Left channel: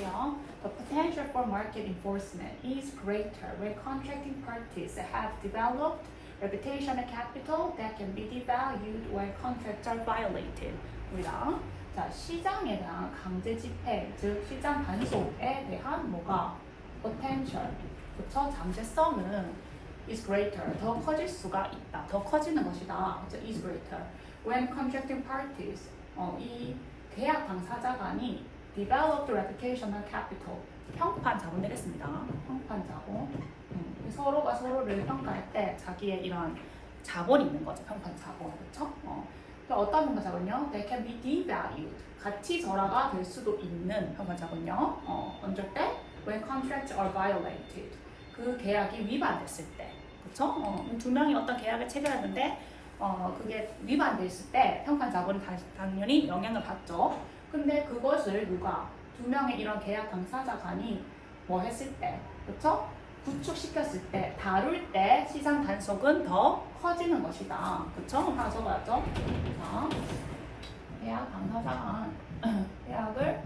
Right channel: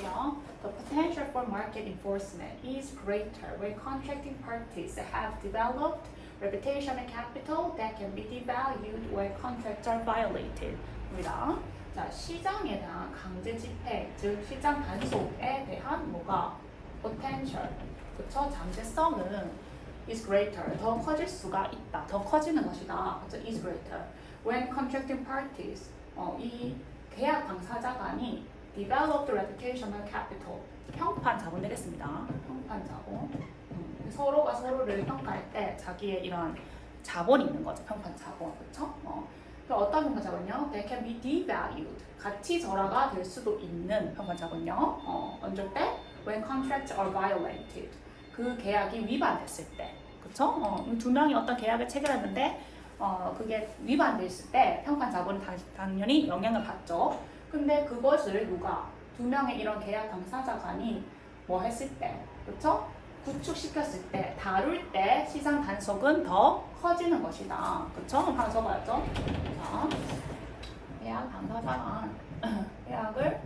볼게요. The potential for market enforcement is greater where contracting parties have developed reputational capital that can be devalued where contracts are violated. 입니다. 자, 시장에 대한 강제 집행, 즉 시장 단속에 대한 뭐가 potential, 그쵸? 잠재성은 is greater, 더 커질 수가 있다, 더 커지는 것이다. 그쵸? is greater. When contracting parties, 이 계약 당사자 간이 developed reputational capital, 평판 자본 되겠습니다. 평판 자본. 서로가 서로를 평가할 때 자기의 이런 자본이 있는 거죠. 평판 자본, 그렇죠? 어떤 평판 자본요? They can be devalued. 가치 절하가 될 수도 있는 평판 자본요. 언제 때? When contracts are violated. 그 계약이 위반됐을 때, 그렇죠? 두 명이 어떤 계약을 체결했는데 그게 위반돼 있을 때 평판 자본이 당연히 영향을 받죠. 근데 그것을 누가 두 명의 이런 계약 당사자 간이 뭐 했을 때, 그렇죠? 구축시켰을 때, 다룰 때 시장 단속은 더 커지는 것이다. 그렇죠? 하나 적어야죠. 자, 계약 당사자 간 계약을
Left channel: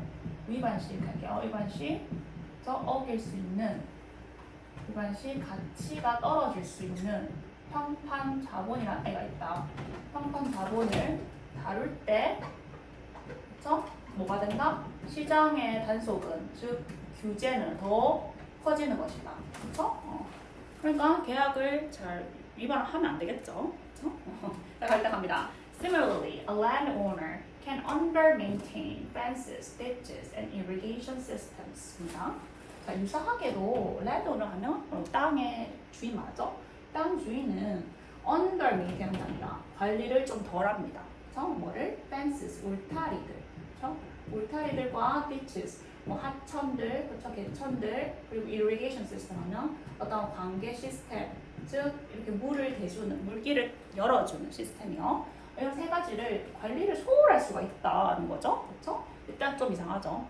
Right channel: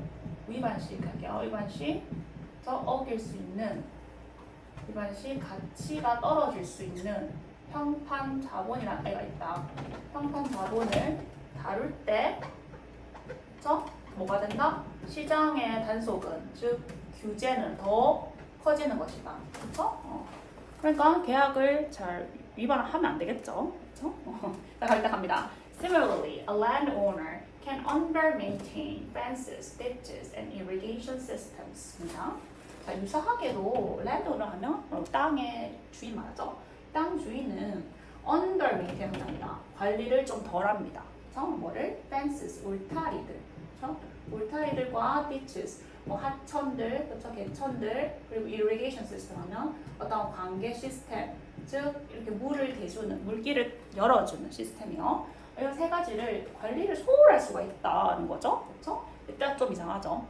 위반 시 할게요. 위반 시 어길 수 있는, 위반 시 가치가 떨어질 수 있는 평판 자본이라는 애가 있다. 평판 자본을 다룰 때, 그쵸? 뭐가 된다? 시장의 단속은, 즉 규제는 더 커지는 것이다. 그쵸? 그러니까 계약을 잘 위반하면 안 되겠죠. 그쵸? 자, 일단 갑니다. Similarly, a landowner can under-maintain fences, ditches, and irrigation systems. 자, 유사하게도 landowner 하면 땅의 주인 말하죠. 땅 주인은 under-maintain 한답니다. 관리를 좀 덜합니다. 그래서 뭐를? fences, 울타리들. 그렇죠? 울타리들과 ditches, 뭐 하천들, 그렇죠? 개천들, 그리고 irrigation system 하면 어떤 관계 시스템, 즉 이렇게 물을 대주는, 물길을 열어주는 시스템이요. 이런 세 가지를 관리를 소홀할 수가 있다는 거죠. 그렇죠? 일단 좀 이상하죠.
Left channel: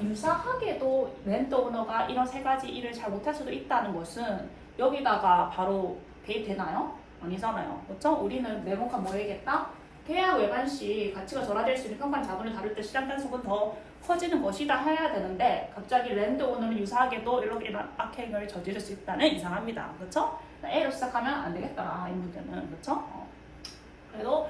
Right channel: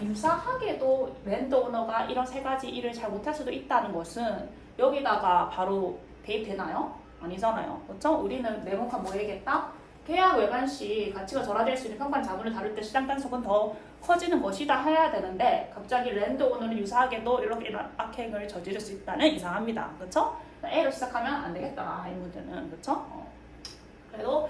유사하게도 랜드오너가 이런 세 가지 일을 잘 못할 수도 있다는 것은 여기다가 바로 대입되나요? 아니잖아요. 그렇죠? 우리는 명확한 뭐 얘기했다? 계약 외관 시 가치가 절하될 수 있는 평판 자본을 다룰 때 시장 단속은 더 커지는 것이다 해야 되는데 갑자기 랜드오너는 유사하게도 이렇게 이런 악행을 저지를 수 있다는 이상합니다. 그렇죠? A로 시작하면 안 되겠더라 이 문제는. 그렇죠? 그래도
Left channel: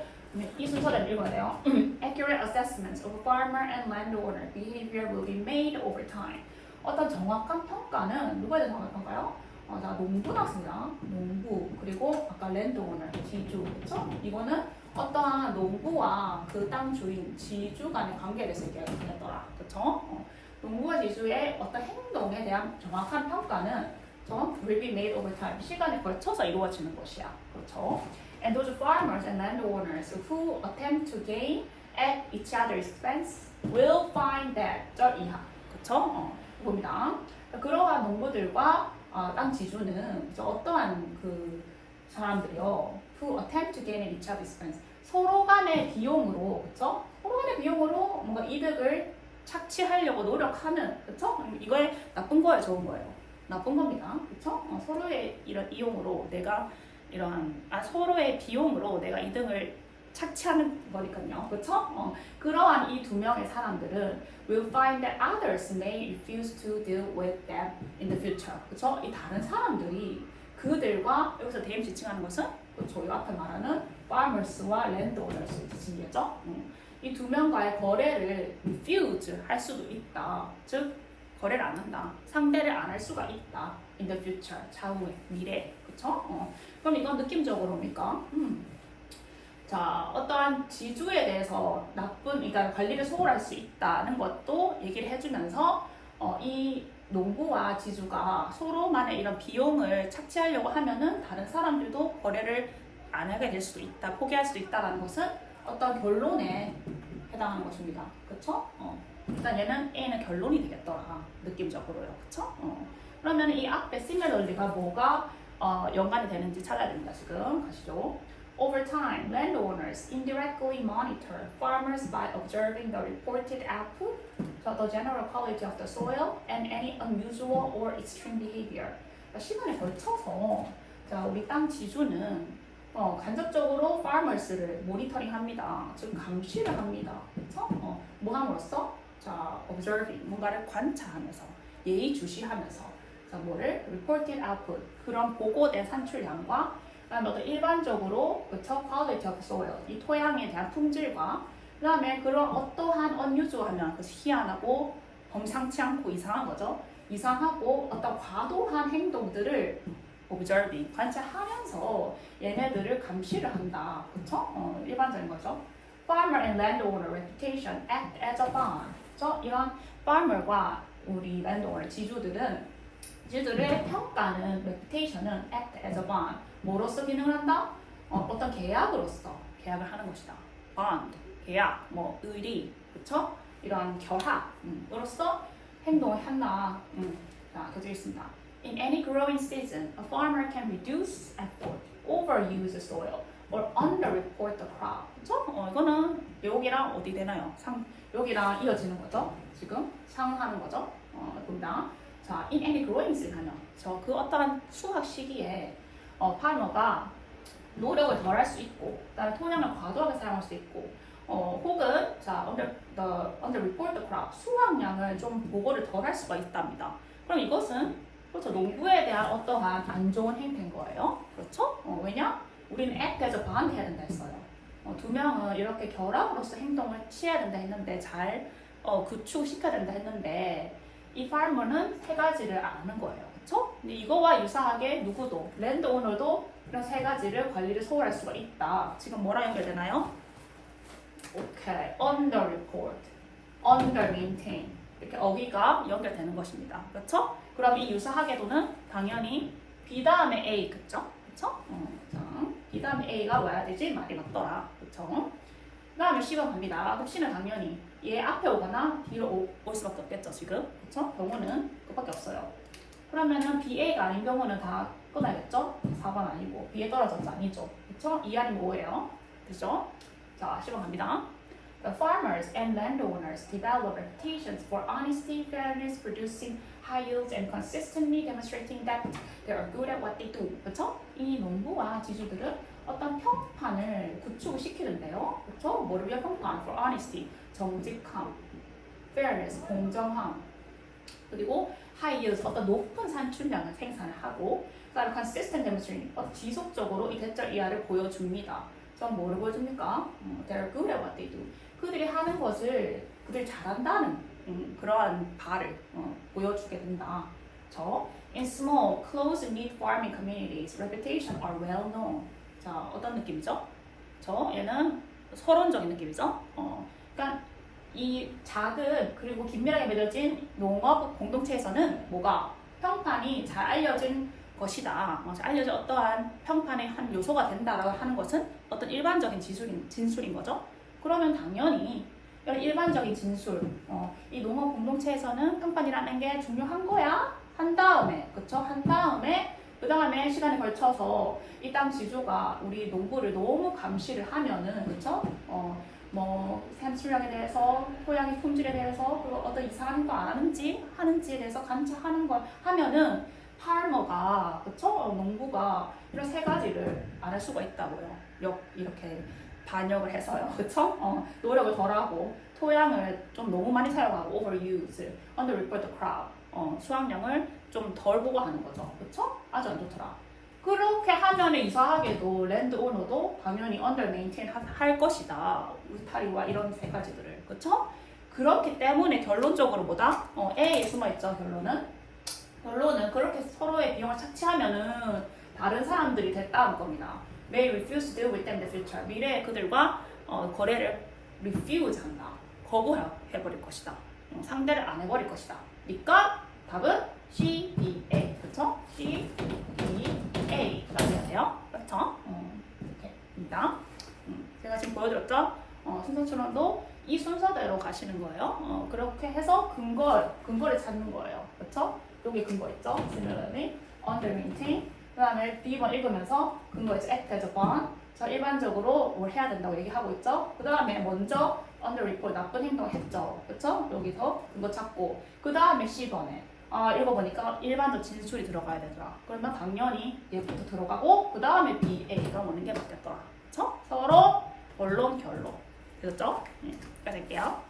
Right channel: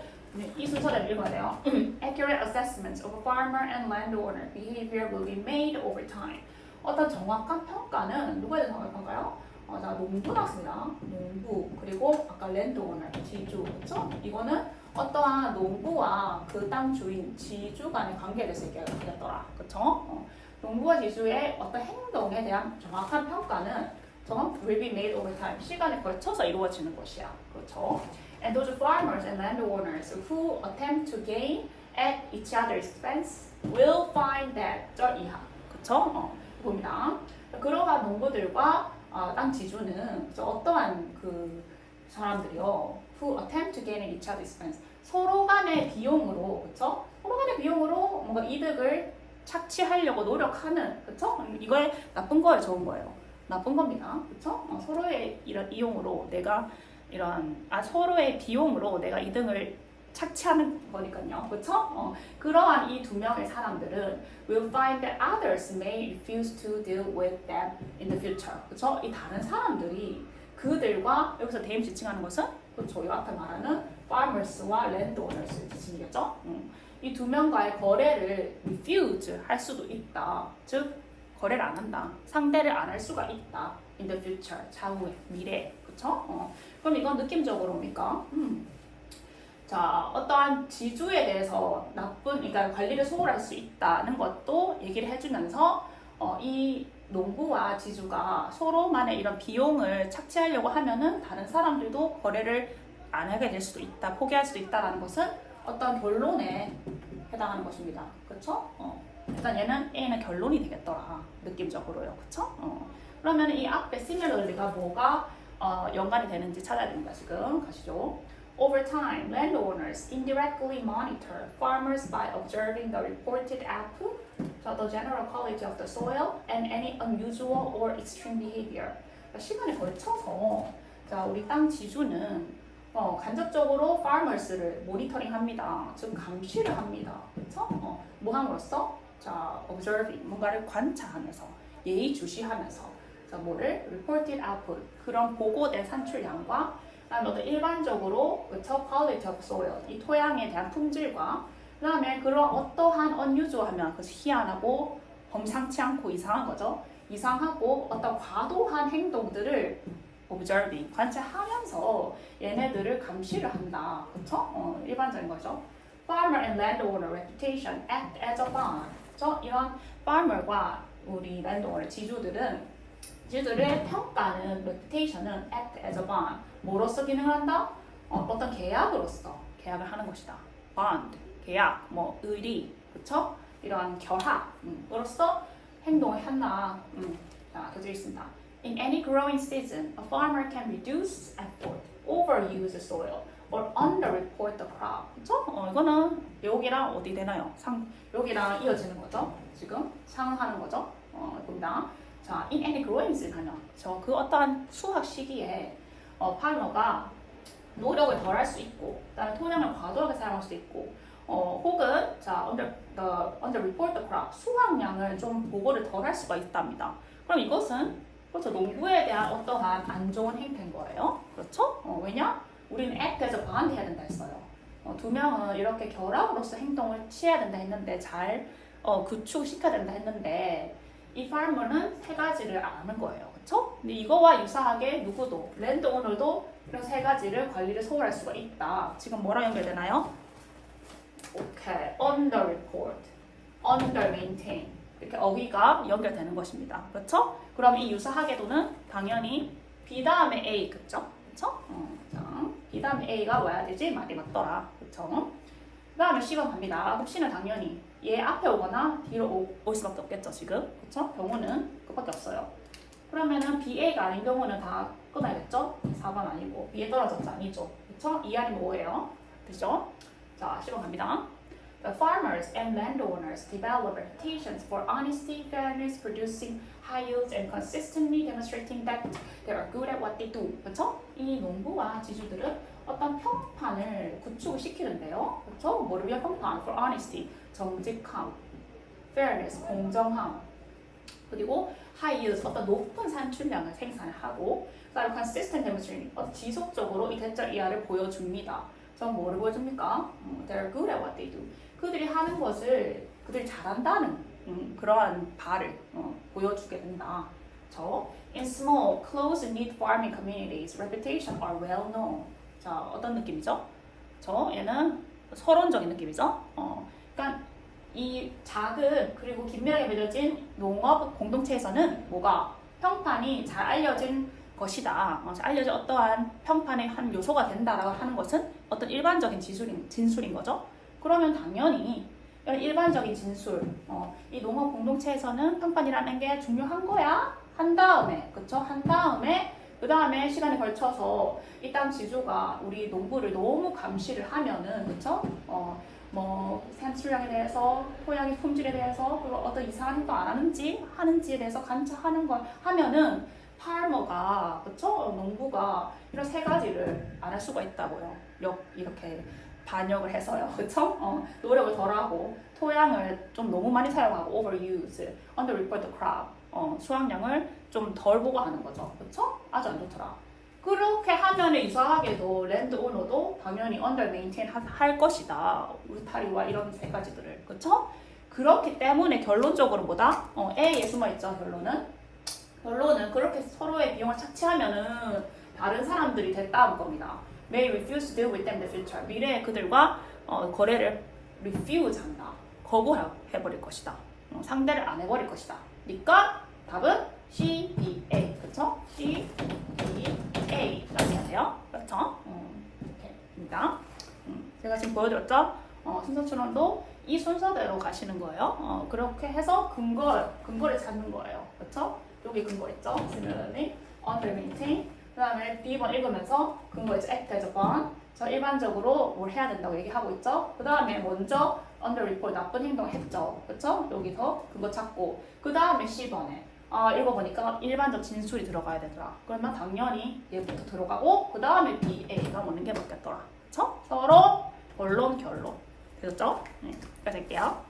이 순서대로 읽어야 돼요. Accurate assessments of farmer and landowner behavior will be made over time. 어떤 정확한 평가는 누가 대해서 정확한 평가요? 자, 농부나 씁니다. 농부, 그리고 아까 랜드오너, 지주, 그렇죠? 이거는 어떠한 농부와 그 땅 주인, 지주 간의 관계에 대해서 얘기하겠더라. 그렇죠? 농부와 지주의 어떤 행동에 대한 정확한 평가는 will be made over time. 시간에 걸쳐서 이루어지는 것이야. 그렇죠? And those farmers and landowners who attempt to gain at each other's expense will find that 저 이하. 그렇죠? 봅니다. 그러한 농부들과 땅 지주는 어떠한 그 사람들이요, who attempt to gain at each other's expense, 서로 간의 비용으로, 그렇죠? 서로 간의 비용으로 뭔가 이득을 착취하려고 노력하는, 그렇죠? 이거에 나쁜 거예요, 좋은 거예요? 나쁜 겁니다, 그렇죠? 서로의 이런 이용으로 내가 이런 서로의 비용으로 내가 이득을 착취하는 거니까요, 그렇죠? 그러한 이 두 명의 사람들은 will find that others may refuse to deal with them in the future. 그렇죠? 이 다른 사람들이 그들과 여기서 대임 지칭하는 것은 그렇죠? 이 앞에 말하는 farmers와 landowners의 지칭이겠죠? 이 두 명과의 거래를 refuse 할 수도 있다. 즉 거래를 안 한다. 상대를 안 할 수가 있다. in the future, 차후에, 미래에. 그렇죠? 그럼 이건 느낌적으로 뭡니까? 자, 어떠한 지주에 대해서 나쁜, 그러니까 관리를 소홀할 수 있다는 것도 얘기를 해주면서 이 농부와 지주가 서로만의 이런 비용을 착취하려고 하면은 다른 사람들도 거래를 안 하게 될 수도 있다, 포기할 수도 있다라는 것은 어떤 결론에 해당하는 것입니다. 그렇죠? 일단 얘는 A는 결론이 되겠더라, 느낌적으로요. 그렇죠? 그러면 이 앞에 similarly가 뭐가 연관이 되는지 찾아야 됩니다. 지금 가시죠. Over time, landowners indirectly monitor farmers by observing the reported output, the general quality of the soil, and any unusual or extreme behavior. 시간에 걸쳐서 자, 우리 땅 지주는 간접적으로 farmers를 모니터링합니다. 즉 감시를 합니다. 그렇죠? 뭐 함으로써? 자, observing, 뭔가를 관찰하면서, 예의주시하면서, 그래서 뭐를 reported output, 그런 보고된 산출량과 그다음에 어떤 일반적으로 그쵸? quality of soil, 이 토양에 대한 품질과 그다음에 그런 어떠한 unusual하면 그 희한하고 범상치 않고 이상한 거죠. 이상하고 어떤 과도한 행동들을 observing, 관찰하면서 얘네들을 감시를 한다. 그쵸? 일반적인 거죠. Farmer and landowner reputation act as a bond. 그쵸? 이런 farmer과 우리 landowner, 지주들의 평가는, reputation은 act as a bond. 뭐로서 기능을 한다? 어떤 계약으로서 계약을 하는 것이다. bond, 계약, 뭐 의리, 그쵸? 이런 결합으로서 행동을 한다. 자, 교재 있습니다. In any growing season, a farmer can reduce effort, overuse the soil, or underreport the crop. 그쵸? 이거는 여기랑 어디 되나요? 여기랑 이어지는 거죠. 지금 상하는 거죠. 봅니다. 자, in any growing season 하면 그 어떠한 수확 시기에 파머가 노력을 덜 할 수 있고, 그다음에 토양을 과도하게 사용할 수 있고, 혹은 자 underreport the crop, 수확량을 좀 보고를 덜 할 수가 있답니다. 그럼 이것은 그렇죠, 농부에 대한 어떠한 안 좋은 행태인 거예요. 그렇죠? 왜냐? 우리는 act as a bond 해야 된다 했어요. 두 명은 이렇게 결합으로서 행동을 취해야 된다 했는데, 잘 구축시켜야 된다 했는데, 이 farmer는 세 가지를 안 하는 거예요. 그렇죠? 이거와 유사하게 누구도, 랜드오너도 이런 세 가지를 관리를 소홀할 수가 있다. 지금 뭐랑 연결되나요? 오케이, underreport, undermaintain, 이렇게 어휘가 연결되는 것입니다. 그렇죠? 그럼 이 유사하게도는 당연히 B 다음에 A, 그쵸? 그쵸? 자, B 다음에 A가 와야 되지 말이 맞더라. 그쵸? 그 다음에 C번 갑니다. 그럼 C는 당연히 얘 앞에 오거나 뒤로 올 수밖에 없겠죠, 지금. 그쵸? 경우는 그밖에 없어요. 그러면은 BA가 아닌 경우는 다 끊어야겠죠? 4번 아니고 B에 떨어졌죠? 아니죠? 그쵸? 2 아니면 5예요. 그죠? 자, 10번 갑니다. The farmers and landowners develop reputations for honesty, fairness, producing high yields, and consistently demonstrating that they are good at what they do. 그렇죠? 이 농부와 지주들은 어떤 평판을 구축을 시키는데요. 그렇죠? 뭐를 위한 평판? For honesty, 정직함, fairness, 공정함, 그리고 high yields, 어떤 높은 산출량을 생산을 하고, 그다음에 consistent demonstrating, 지속적으로 이 대절 이하를 보여줍니다. 그럼 뭐를 보여줍니까? They are good at what they do. 그들이 하는 것을 그들이 잘한다는 그러한 바를 보여주게 된다. In small, close-knit farming communities, reputation are well known. 자, 어떤 느낌이죠? 얘는 서론적인 느낌이죠. 그러니까 이 작은 그리고 긴밀하게 맺어진 농업 공동체에서는 뭐가 평판이 잘 알려진 것이다. 알려진 어떠한 평판의 한 요소가 된다라고 하는 것은 어떤 일반적인 진술인 거죠. 그러면 당연히 이런 일반적인 진술, 이 농업 공동체에서는 평판이라는 게 중요한 거야. 한 다음에, 그쵸? 그 다음에 시간에 걸쳐서 이 땅 지주가 우리 농부를 너무 감시를 하면은, 그쵸? 뭐 산출량에 대해서, 토양의 품질에 대해서, 그리고 어떤 이상한 행동 안 하는지에 대해서 관찰하는 걸 하면은 파머가, 그쵸? 농부가 이런 세 가지를 안 할 수가 있다고요. 이렇게 반역을 해서요. 그쵸? 노력을 덜하고, 토양을 좀 너무 많이 사용하고, overuse, underreport the crop, 수확량을 좀 덜 보고 하는 거죠. 그쵸? 아주 안 좋더라. 그렇게 하면 유사하게도 랜드 오너도 당연히 undermaintain 할 것이다. 울타리와 이런 세 가지들을. 그쵸? 그렇기 때문에 결론적으로 뭐다? A에 숨어있죠, 결론은 그렇게 서로의 비용을 착취하면은 다른 사람들이 됐다는 겁니다. May refuse to deal with them in the future. 미래에 그들과 거래를 refuse 한다. 거부해버릴 것이다. 상대를 안 해버릴 것이다. 그러니까 답은 C, B, A. 그렇죠? C, B, A. 라고 해야 돼요. 그렇죠? 이렇게입니다. 제가 지금 보여드렸죠? 순서 추론도 이 순서대로 가시는 거예요. 그렇게 해서 근거를 찾는 거예요. 그렇죠? 여기 근거 있죠? Similarly, undermaintain. 그 다음에 B번 읽으면서 근거 있죠? Act as a bond. 저 일반적으로 뭘 해야 된다고 얘기하고 있죠? 그 다음에 먼저 underreport, 나쁜 행동을 했죠? 그쵸? 여기서 근거 찾고. 그 다음에 C번에 읽어보니까 일반적 진술이 들어가야 되더라. 그러면 당연히 얘부터 들어가고 그 다음에 B, A가 오는 게 맞겠더라. 그쵸? 서로 결론. 되셨죠? 여기까지 할게요.